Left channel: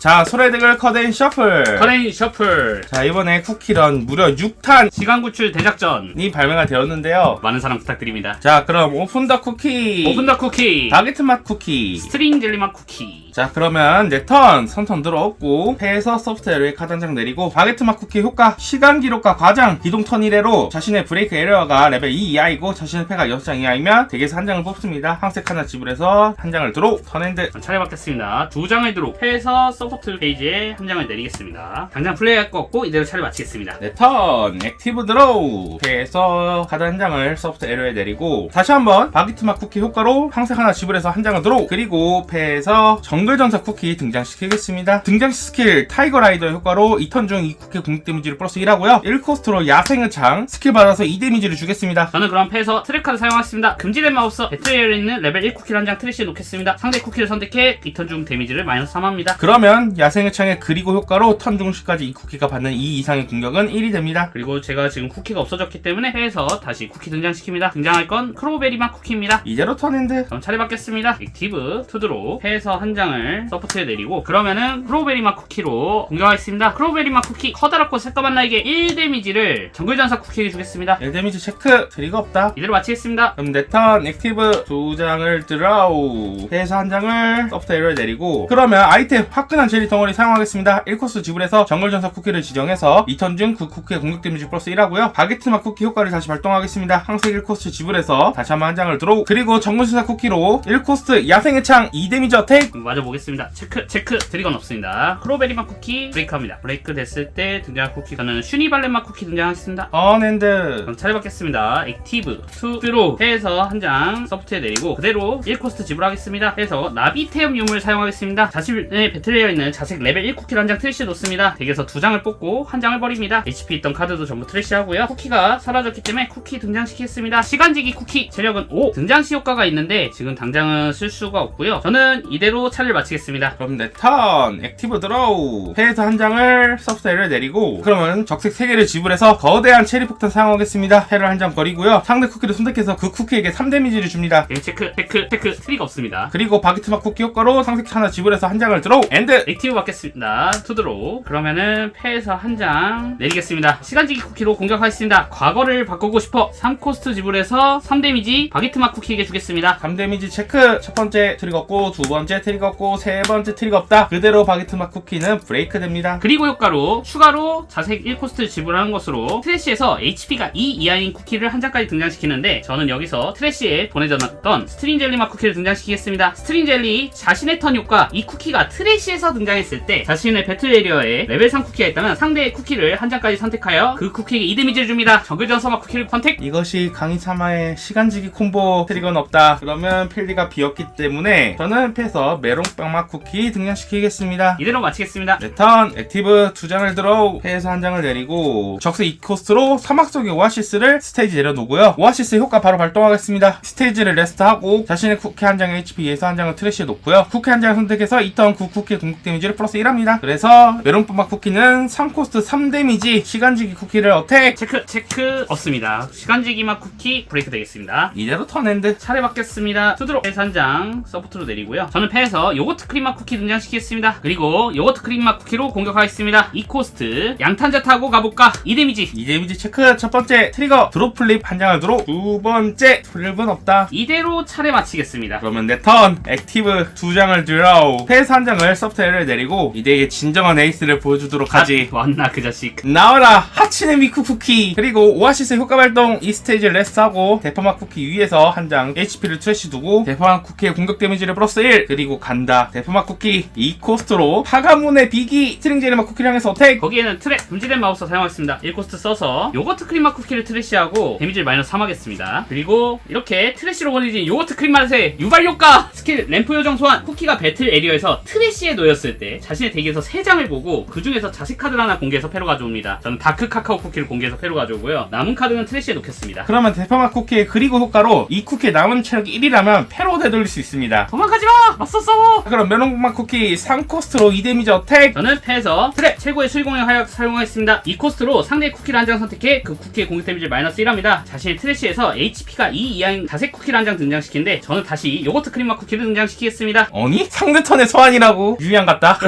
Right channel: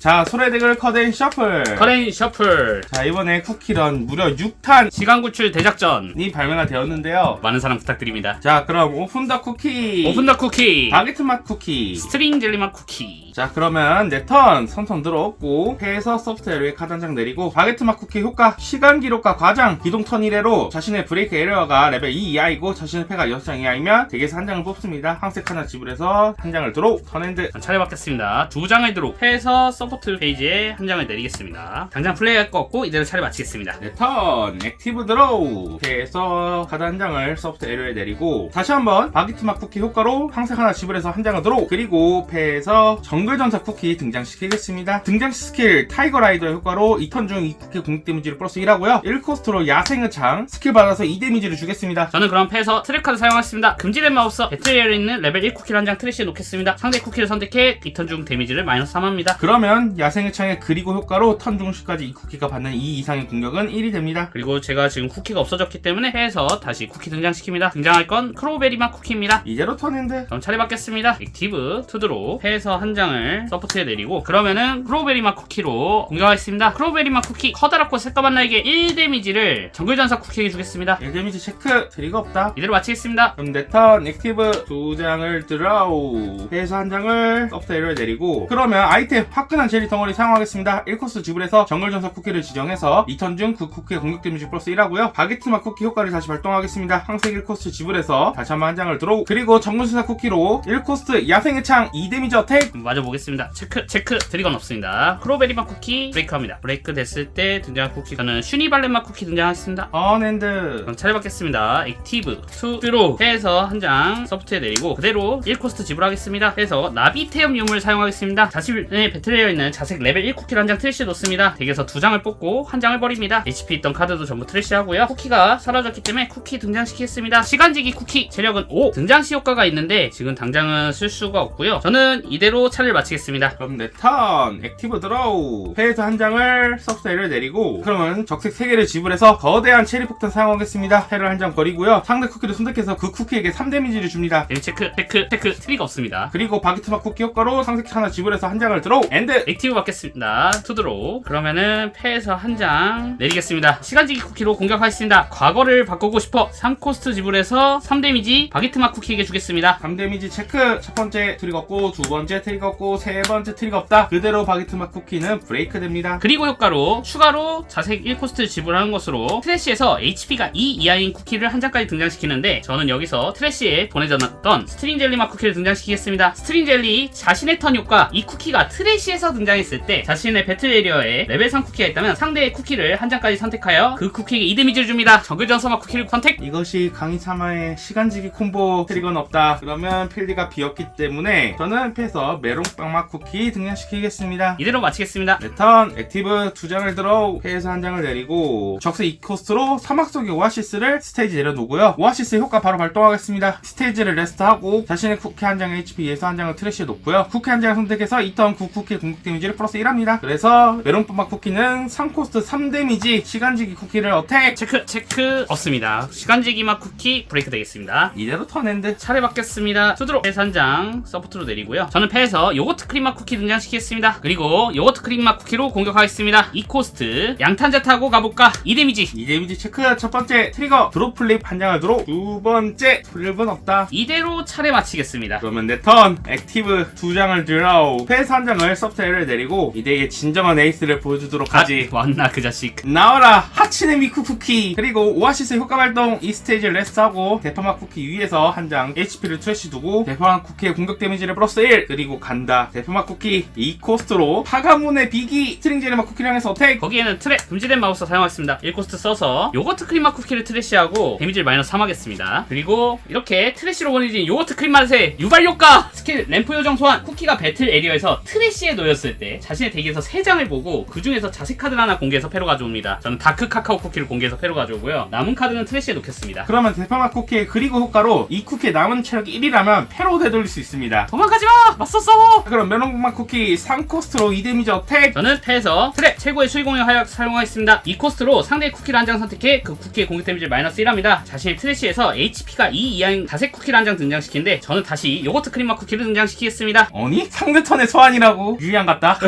자, 소래대결 커데인 셔플. 커레인 셔플 자, 이번에 쿠키런 무려 6탄이 시간 구출 대작전 발매가 되었는데요. 많은 사랑 부탁드립니다. 자, 그럼 오픈 더 쿠키, 오픈 더 쿠키, 바게트 맛 쿠키. 스트링 젤리 맛 쿠키. 자, 그러면 내 턴, 선턴 들어왔고 패에서 소프트웨어에 카드 한 장 내리고 바게트 맛 쿠키 효과 시간 기록과 과장 기동 턴 1회로 자신의 브레이크 에러가 레벨 2 이하이고 자신의 패가 6장 이하이면 덱에서 한 장을 뽑습니다. 항색 하나 지불해서 한 장을 드로우. 턴엔드. 차례받겠습니다. 두 장을 드로 패에서 서포트 페이지에 한 장을 내리겠습니다. 당장 플레이할 거 없고 이대로 차례 마치겠습니다. 내 턴, 액티브 드로우. 패에서 카드 한 장을 소프트 에러에 내리고 다시 한번 바게트 맛 쿠키 효과로 항색 하나 지불해서 한 장을 드로우. 그리고 패에서 정글전사 쿠키 등장시키겠습니다. 등장시 스킬 타이거 라이더의 효과로 2턴 중 이 쿠키 공격 데미지를 플러스 1하고요 1코스트로 야생의 창 스킬 받아서 2 데미지를 주겠습니다. 저는 그럼 패에서 트랙 카드 사용하겠습니다. 금지된 마법서 배틀에어에 있는 레벨 1 쿠키를 한 장 트래시에 놓겠습니다. 상대 쿠키를 선택해 2턴 중 데미지를 마이너스 3합니다. 그러면 야생의 창의 그리고 효과로 턴 중시까지 이 쿠키가 받는 2 이상의 공격은 1이 됩니다. 그리고 제가 지금 쿠키가 없어졌기 때문에 패에서 다시 쿠키 등장시킵니다. 등장할 건 크로우베리 맛 쿠키입니다. 이대로 턴엔드. 그럼 차례 받겠습니다. 액티브 투드로 패에서 한 장을 서포트에 내리고 그러면은 크로우베리 맛 쿠키로 공격하겠습니다. 크로우베리 맛 쿠키 커다랗고 새까만 나에게 1 데미지를 정글전사 쿠키에게 주겠습니다. 1 데미지 체크. 트리거 없다. 이대로 마치겠습니다. 그럼 내 턴 액티브 2장을 드라우. 패에서 한 장을 소프트웨어에 내리고 그러면 아이템 화끈한 젤리 덩어리 사용하겠습니다. 1코스 지불해서 정글전사 쿠키를 지정해서 2턴 중 그 쿠키의 공격 데미지 플러스 1하고요 바게트 맛 쿠키 효과를 다시 발동하겠습니다. 항색 1코스 지불해서 다시 한번 한 장을 드로우. 그리고 정글전사 쿠키로 1코스트 야생의 창 2 데미지 어택. 맞아 보겠습니다. 체크 드리건 없습니다. 크로베리 맛 쿠키 브레이크합니다. 브레이크 됐을 때 등장할 쿠키는 슈니발렛 맛 쿠키 등장하겠습니다. 언앤드. 그럼 차례 받겠습니다. 액티브 투 드로 해서 한 장 서프트에 내리고 그대로 1코스트 지불하겠습니다. 해서 나비테엄 유물 사용하겠습니다. 자신의 배틀에어 있는 자색 레벨 1 쿠키를 한 장 트래시에 놓습니다. 덱에서 2장을 뽑고 한 장을 버립니다. HP 있던 카드도 전부 트래시하고요. 쿠키가 사라졌기 때문에 쿠키 등장시키겠습니다. 시간지기 쿠키 체력은 5 등장시 효과가 있는데 지금 당장은 쓸 수가 없고요. 저는 이대로 차를 마치겠습니다. 그럼 내 턴 액티브 드로우. 패에서 한 장을 소프트웨어를 내리고 그러면 적색 3개를 지불해서 거대한 체리 폭탄 사용하겠습니다. 패를 한 장 버리고요 상대 쿠키를 선택해서 그 쿠키에게 3 데미지를 줍니다. 체크 트리가 없습니다. 그리고 바게트 맛 쿠키 효과로 상색 하나 지불해서 한 장을 드로우. 엔드. 액티브 받겠습니다. 투드로. 그러면은 패에서 한 장 내리겠습니다. 시간지기 쿠키로 공격하겠습니다. 과거를 바꾸고 싶어 3코스트 지불해서 3 데미지 바게트 맛 쿠키에게 주겠습니다. 3 데미지 체크. 첫 번째 트리거 없고 두 번째 트리거 없고 세 번째 트리거 없다. 그대로 바게트 맛 쿠키는 브레이크 됩니다. 그리고 효과로 추가로 자색 1코스트 지불하는 것으로 트래시에서 HP가 2 이하인 쿠키를 한 장까지 등장시키는데 저는 여기서 트래시에 보내졌던 스트링 젤리 맛 쿠키를 등장시키겠습니다. 스트링 젤리 자신의 턴 효과 이 쿠키가 트래시에서 등장했을 때 자신의 배틀 에리어에 레벨 3 쿠키가 있다면 상대의 쿠키를 한 장까지 선택하여 그 쿠키에게 2 데미지를 줍니다. 정글전사 맛 쿠키를 선택. 이것이 강의사마의 시간지기 콤보. 트리거는 없다. 그러면 필드가 비었기 때문에 저는 패에서 메론빵 맛 쿠키 등장시키겠습니다. 이대로 마치겠습니다. 내 턴 액티브 2장을 들어 패에서 한 장을 내리고 적색 2코스트로 사막 속의 오아시스를 스테이지 내려놓고요 오아시스 효과 바로 발동하겠습니다. 스테이지를 레스트하고 자신의 쿠키 한 장의 HP에서 한 장을 트래시에 놓고요 쿠키 한 장을 선택해서 2턴 그 쿠키의 공격 데미지를 플러스 1합니다. 그래서 메론빵 쿠키는 3코스트 3 데미지 시간지기 쿠키를 어택. 체크 없습니다. 시간지기 맛 쿠키 브레이크 되겠습니다. 이대로 턴엔드. 차례 받겠습니다. 투드로 패에서 한 장 서포트로 내리고요. 저는 패에서 요거트 크림 맛 쿠키 등장시키겠습니다. 그리고 요거트 크림 맛 쿠키로 공격하겠습니다. 2코스트 양탄자 타고 가볼까? 2 데미지. 2 데미지 체크. 첫 번째 트리거 드롭 플립 한 장을 들어. 두 번째 플립은 없다. 이대로 차례 마치겠습니다. 그러면 내 턴 액티브 2장을 드로우. 패에서 한 장을 소프트웨어를 내리고 이대의 진정한 에이스를 보여주도록 하지. 왔나 그 자식. 나와라 하치네 미쿠 쿠키. 그리고 오아시스 효과 발동. 이 스테이지 레스트하고 대파맛 쿠키 위에서 한 장 HP를 트래시 두고 대파맛 쿠키의 공격 데미지를 플러스 1. 그리고 간다. 대파맛 쿠키 2코스트로 파가문의 비기 스트링 젤리 맛 쿠키를 향해서 어택. 거기에는 트랩 금지된 마법사 사용하겠습니다. 1코스트 써서 요거트 크림 맛 쿠키를 트래시하고 데미지를 마이너스 3 하겠습니다. 그리고 이렇게 트래시로 보내진 요거트 크림 맛의 유발 효과 스킬 램프 요정 소환. 쿠키가 배틀 에리어에서 트래시에 놓였을 때 자신의 덱에서 3장을 보고 그 중에서 자식 카드를 하나 공개해서 패로 가져옵니다. 저는 다크 카카오 쿠키를 공개해서 패로 가져오고요. 남은 카드는 트래시에 놓겠습니다. 그러면 대파맛 쿠키의 그리고 효과로 이 쿠키의 남은 체력이 1이라면 패로 되돌릴 수 있습니다. 도망가지마! 맞서 싸워! 그럼 메론맛 쿠키 3코스트로 2 데미지 어택. 저는 패에서 트랩 최고의 수위공의 화약 사용하겠습니다. 2코스트로 상대의 쿠키를 한 장 선택해 그 쿠키의 공격 데미지를 마이너스 1합니다. 자신의 트래시에서 HP가 2 이하인 자색 쿠키를 한 장 등장시키는데 저는 다시 요거트 크림 맛 쿠키를 등장시키겠습니다. 아니? 상대 턴의 소환이라고? 유리한 같다.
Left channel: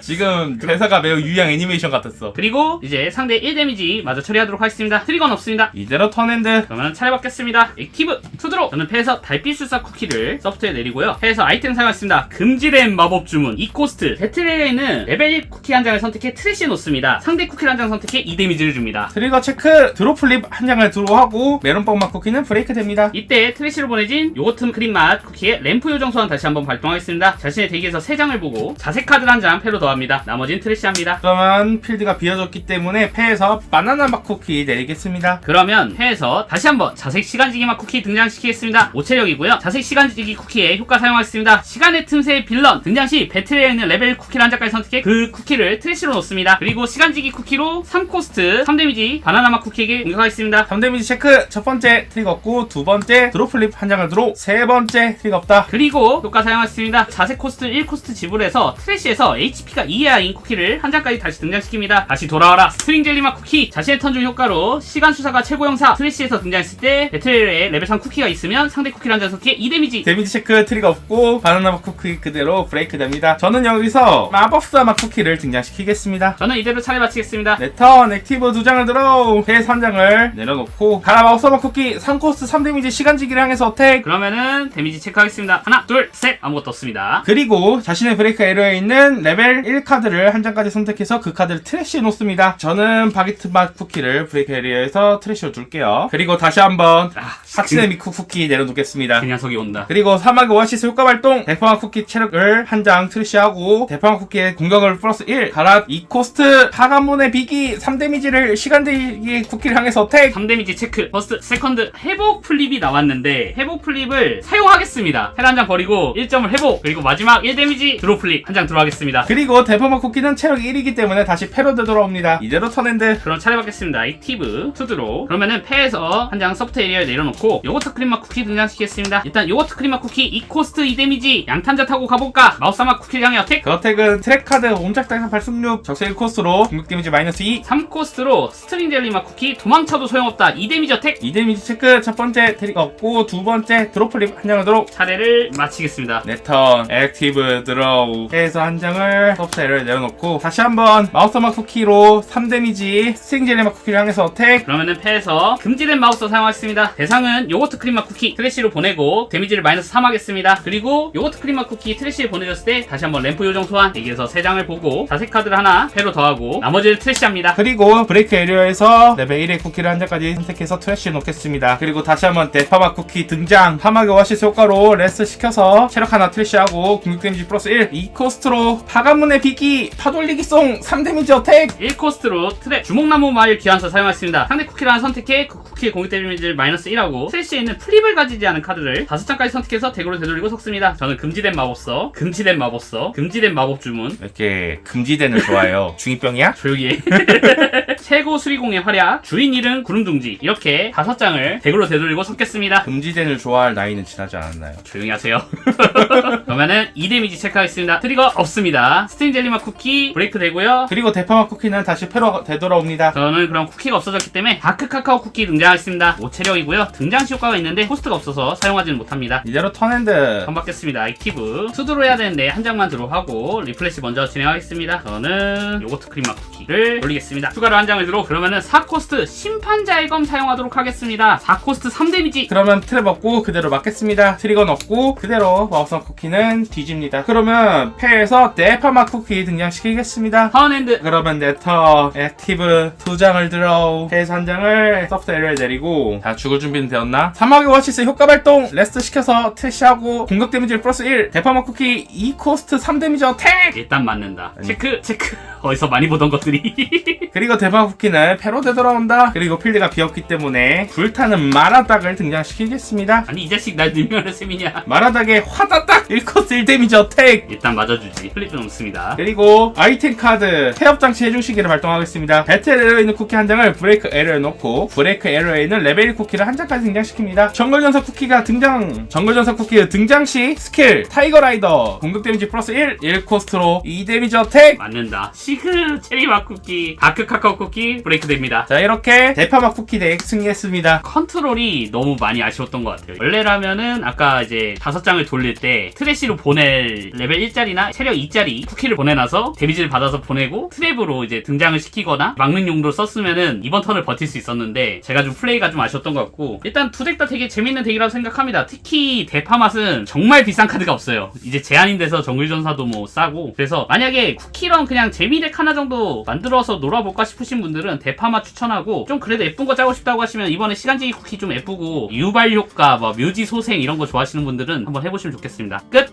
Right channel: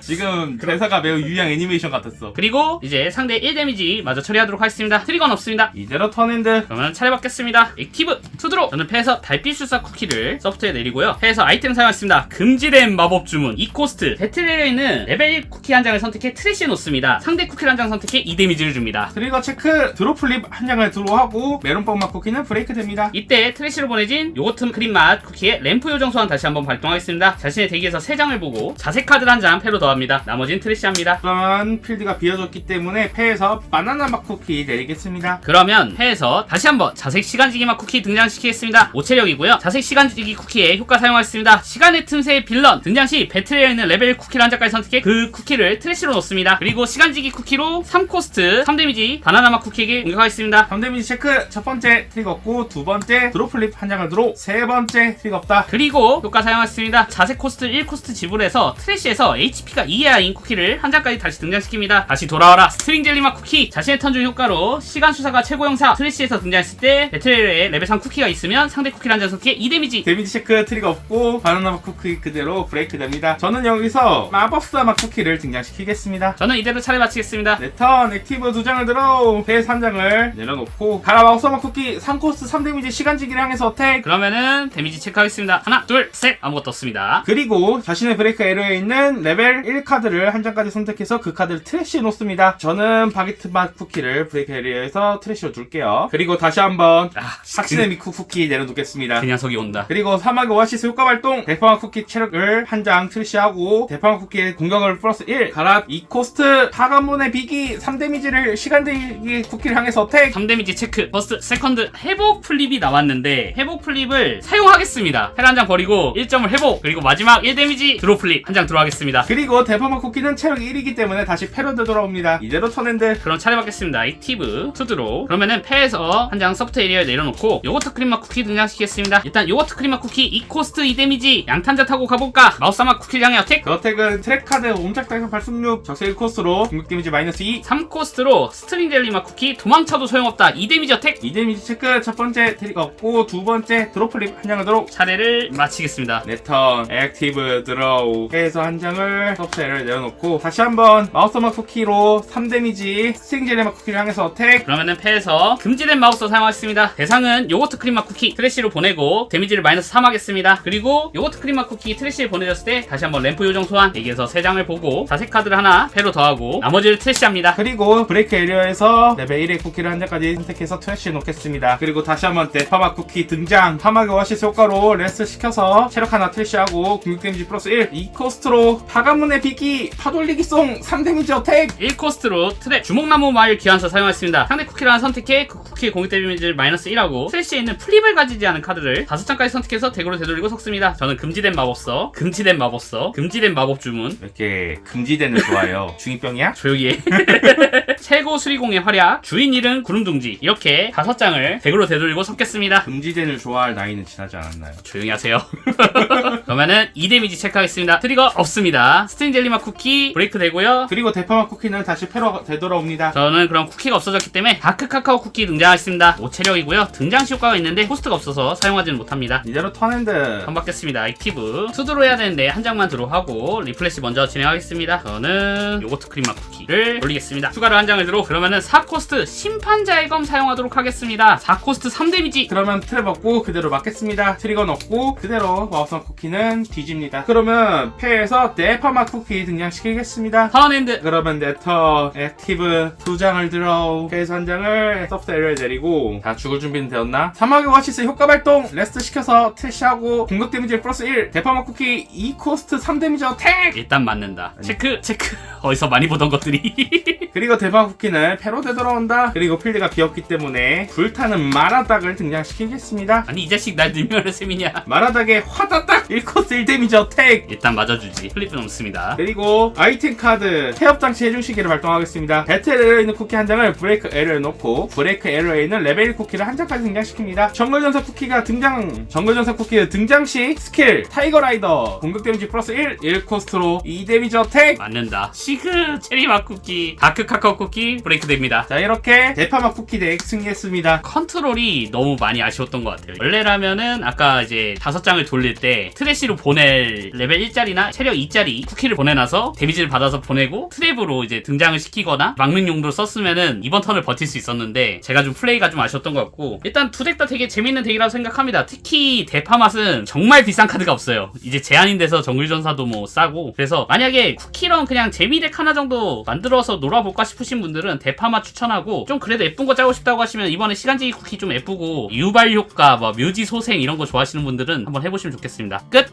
지금 대사가 매우 유양 애니메이션 같았어. 그리고 이제 상대 1데미지 마저 처리하도록 하겠습니다. 트리거는 없습니다. 이대로 턴핸드. 그러면 차례 받겠습니다. 액티브 투드로. 저는 패에서 달빛술사 쿠키를 서프트에 내리고요. 패에서 아이템 사용했습니다. 금지된 마법 주문 2코스트. 배틀에 있는 레벨 1 쿠키 한 장을 선택해 트래시에 놓습니다. 상대 쿠키를 한 장 선택해 2데미지를 줍니다. 트리거 체크. 드로 플립 한 장을 드로우하고 메론빵 맛 쿠키는 브레이크 됩니다. 이때 트래시로 보내진 요거트 크림 맛 쿠키의 램프 요정 소환 다시 한번 발동하겠습니다. 자신의 대기에서 3장을 보고 자색 카드를 한 장 패로 더합니다. 나머지는 트래시합니다. 그러면 필드가 비어졌기 때문에 패에서 바나나 맛 쿠키 내리겠습니다. 그러면 패에서 다시 한번 자색 시간지기 맛 쿠키 등장시키겠습니다. 5체력이고요. 자색 시간지기 쿠키의 효과 사용하겠습니다. 시간의 틈새의 빌런 등장 시 배틀에 있는 레벨 쿠키를 한 장까지 선택해 그 쿠키를 트래시로 놓습니다. 그리고 시간지기 쿠키로 3코스트 3데미지 바나나 맛 쿠키에게 공격하겠습니다. 3데미지 체크. 첫 번째 트리거 없고 두 번째 드로 플립 한 장을 드로우. 세 번째 트리거 없다. 그리고 효과 사용하겠습니다. 자색 코스트 1코스트 지불해서 트래시에서 HP가 2이하인 쿠키를 한 장까지 다시 등장시킵니다. 다시 돌아와라 스트링 젤리 맛 쿠키. 자신의 턴 중 효과로 시간 수사가 최고 형사 트래시에서 등장했을 때 배틀에 레벨 3 쿠키가 있으면 상대 쿠키를 한 장 선택해 2데미지. 데미지 체크. 트리거 없고 바나나 맛 쿠키 그대로 브레이크 됩니다. 저는 여기서 마법사 맛 쿠키를 등장시키겠습니다. 저는 이대로 차례 마치겠습니다. 네, 턴 액티브 2장을 들어 패 3장을 내려놓고 가라 마법사 맛 쿠키 3코스트 3데미지 시간지기를 향해서 어택. 그러면은 데미지 체크하겠습니다. 하나 둘 셋. 아무것도 없습니다. 그리고 자신의 브레이크 에러에 있는 레벨 1 카드를 한 장까지 선택해서 그 카드를 트래시에 놓습니다. 저는 바게트 맛 쿠키를 브레이크 에리어에서 트래시로 둘게요. 그리고 다시 한번 삭신의 미쿠 쿠키 내려놓겠습니다. 그 녀석이 온다. 그리고 사막의 오아시스 효과 발동. 대파맛 쿠키 체력을 한 장 트래시하고 대파맛 쿠키의 공격을 플러스 1 가라 2코스트 파가문의 비기 3데미지를 시간대기 쿠키를 향해서 어택. 3데미지 체크 버스트 세컨드 회복 플립이 나왔는데 회복 플립을 사용하겠습니다. 헬 한 장 버리고 1점을 회복. 그리고 마지막 1데미지 드로 플립 한 장 들어가겠습니다. 그리고 대파맛 쿠키는 체력이 1이기 때문에 다시 패로 되돌아옵니다. 이대로 턴핸드. 그럼 차례 받겠습니다. 액티브 투드로. 그러면은 패에서 한 장 서프트 에리어에 내려놓고 요거트 크림 맛 쿠키 등장시키겠습니다. 일단 요거트 크림 맛 쿠키 2코스트 2데미지 양탄자 타고 가볼까. 마우스 맛 쿠키를 향해 어택. 그 어택은 트랙 카드 옴짝달싹 발승력 적세 1코스트로 공격 데미지 마이너스 2. 3코스트로 스트링 젤리 맛 쿠키 도망쳐도 소용없다 2데미지 어택. 2데미지 체크. 첫 번째 트릭 없고 두 번째 드로 플립 한 장을 드로우. 차례를 마치겠습니다. 네 턴 액티브 드로우 해서 한 장을 서프트를 내려놓고 다시 한번 마우스 맛 쿠키로 3데미지 스트링 젤리 맛 쿠키를 향해서 어택. 그러면은 패에서 금지된 마우스 사용하겠습니다. 대상은 요거트 크림 맛 쿠키 트래시로 보내고 데미지를 마이너스 3 하겠습니다. 그리고 요거트 크림 맛 쿠키 트래시에 보내졌을 때 다시 한번 램프 요정 소환 대기에서 3장을 보고 자색 카드를 하나 패로 더하고 나머지를 트래시합니다. 그리고 브레이크 에리어에서 레벨 1의 쿠키를 한 장까지 선택해서 트래시에 놓겠습니다. 그리고 다시 한번 대파맛 쿠키 등장. 사막의 오아시스 효과로 레스 시켜서 체력 하나 트래시하고 공격 데미지 플러스 1. 2코스트로 파가문의 비기 파돌리기 송 3데미지 어택. 1코스트로 트랩 주먹나무 마일 귀환서 사용했습니다. 상대 쿠키를 하나 선택해 그 쿠키의 공격 데미지를 마이너스 1하고 트래시에 있는 플립을 가지지 않은 카드를 5장까지 선택해서 덱으로 되돌리고 섞습니다. 저는 금지된 마법서, 금지된 마법서, 금지된 마법 주문. 이렇게 금지된을 좋아해요. 중2병이야? 조용히 해. 최고 수리공의 활약, 주인 이름 구름둥지 이렇게 5장을 덱으로 되돌리고 섞겠습니다. 금지된을 좋아할 나이는 지나지 않았나요? 조용히 하세요. 그러면은 2데미지 체크하겠습니다. 트리거 없습니다. 스트링 젤리맛 쿠키 브레이크 되고요. 그리고 대파맛 쿠키는 다시 패로 되돌아옵니다. 저는 그럼 쿠키가 없어졌기 때문에 다크 카카오 쿠키 등장하겠습니다. 5체력이고요. 등장시 효과가 있는데 호스트가 없어서 사용하지는 못합니다. 이대로 턴핸드. 턴 받겠습니다. 액티브 투드로 해야 되는데 한 장만 들어하고 리플래시 먼저 진행하겠습니다. 저는 요거트 크림맛 쿠키를 올리겠습니다. 추가로 한 장을 들어. 그러면은 4코스트 심판자의 검 사용하도록 하겠습니다. 4코스트 3데미지. 그러면 트랩 없고 그대로 맞겠습니다. 트리건 없고 그대로 마우스 쿠키는 뒤집니다. 그러면 패에서 대파맛 쿠키 등장시키겠습니다. 턴핸드. 그러면 네터 액티브 2장을 들어 패에서 한 장을 서프트 에러에 내리고 다 죽을 준비는 되었나? 사막의 오아시스 효과 발동 레스트 시켜서 트래시하고 공격 데미지 플러스 1 대파맛 쿠키 2코스트 3데미지 어택. 일단 맞는다. 체크 체크. 어디서 많이 보던 것들이. 그리고 대파맛 쿠키는 패로 되돌아온다. 그리고 필드가 비었기 때문에 불타는 마라닥을 등장시키겠습니다. 아니 이 자식 날 능멸하는 셈이냐. 마라닥의 화다닥 1코스 1데미지 어택. 일단 맞아주지. 플립은 없습니다. 있습니다. 그리고 아이템 카드 태엽장치 해주시기를 발동하겠습니다. 배틀 에러에 있는 쿠키 한 장을 브레이크 에러에 놓고 브레이크 에러에 있는 레벨 1 쿠키를 한 장까지 등장시킵니다. 정글전사 쿠키가 정글전사 쿠키 등장 시 스킬 타이거 라이더 공격 데미지 플러스 1 코스트로 2 데미지 어택. 맞는다. 시그 체리맛 쿠키 다크 카카오 쿠키 브레이크 됩니다. 자, 이렇게 대파맛 쿠키 덱 승리했습니다. 컨트롤이 너무 많이 아쉬웠던 것 같아요. 원래라면은 아까 이제 5장을 돌릴 때 트래시로 보낼 레벨 1짜리나 체력 2짜리 쿠키를 보내놔서 데미지를 받아서 보내고 트랩으로 이제 등장을 시키거나 막는 용도로 썼으면은 이번 턴을 버틸 수 있었는데 제가 좀 플레이가 좀 아쉬웠던 것 같고, 일단 두 덱 다 되게 재밌는 덱이라고 생각합니다. 특히 대파맛은 정말 비싼 카드가 없어요. 이제 제한이 돼서 정글전사도 뭐 싸고, 그래서 만약에 쿠키랑 그냥 재미덱 하나 정도 만들어서 놀아볼까 싶으신 분들은 대파맛 추천하고, 좀 그래도 예쁜 거 짜고 싶다고 하시면 이번에 시간제기 쿠키 좀 예쁘고 유발 효과 뭐 묘지 소생 이런 거 좋아하시는 분들은 한번 해보시면 좋겠습니다. 끝!